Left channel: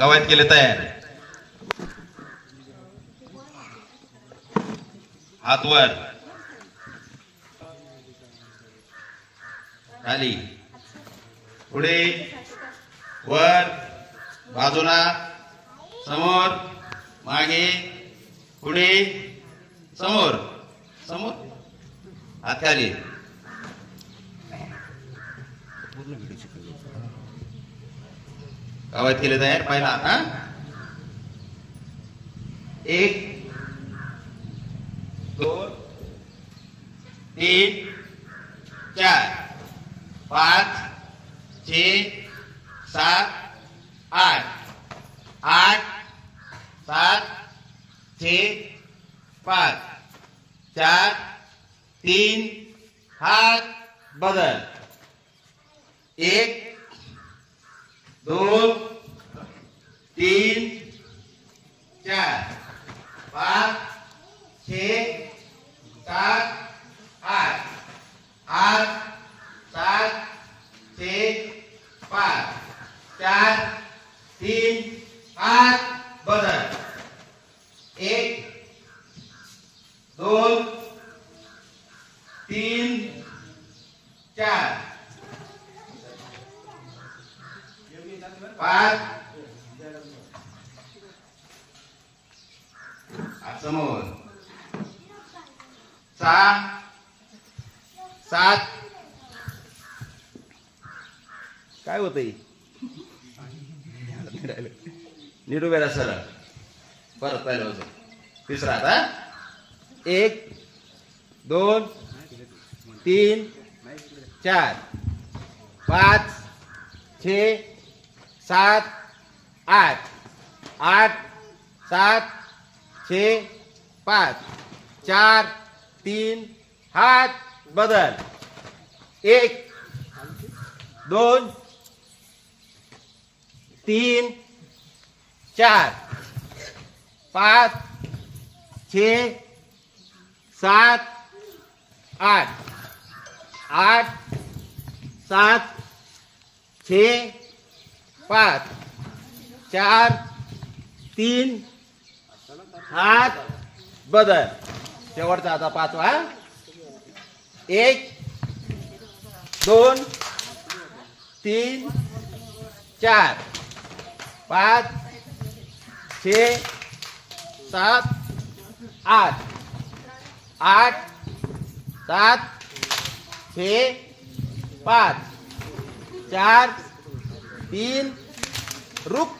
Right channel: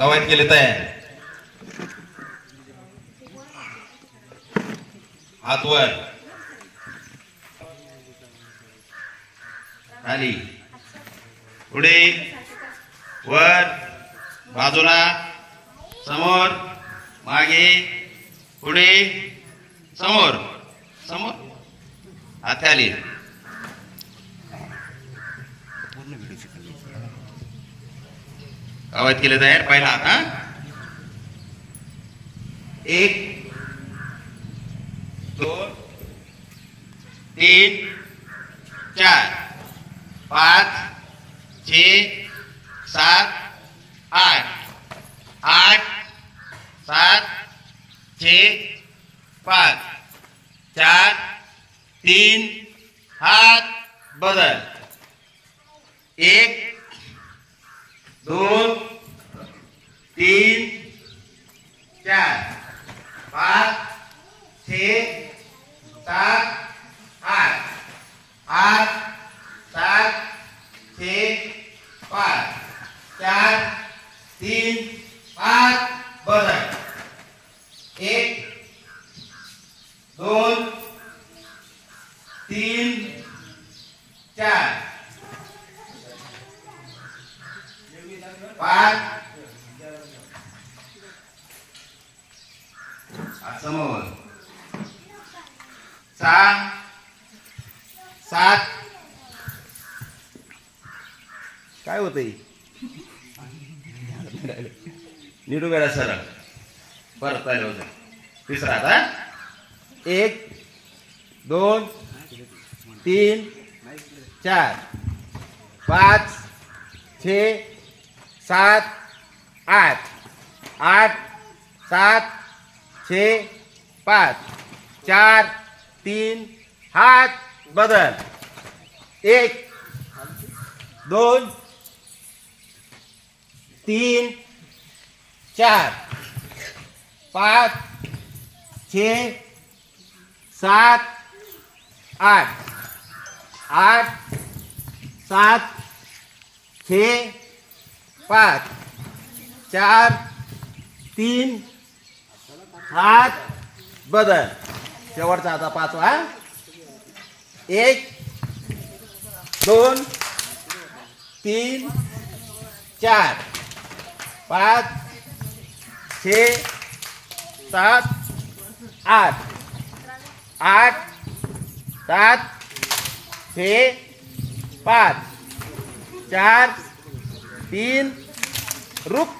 कवायत केले तयार. हात वर खाली पुढे वर बाजूला समोर मागे पुढे समोर समोर हात खाली. कवायत केले तयार. पहिला हात. 1 2 3 4 5 6 7 8 8 7 6 5 4 3 हात बदल. 1 2 3 4 5 6 7 8 8 7 6 5 4 3 हात बदल. 1 2 3 4 5 समोर 6 7 काय होतंय नीट उभे राहा सरळ. परत आले होते. तिसरा आता 1 2 3 4 5 6 7 8 8 7 6 5 4 3 हात बदल. 1 2 3 4 5 6 7 8 8 7 6 5 4 3 हात बदल. शेवटचा आता 5वा. 1 2 3 4 5 6 7 8 8 7 6 5 4 3 रुक.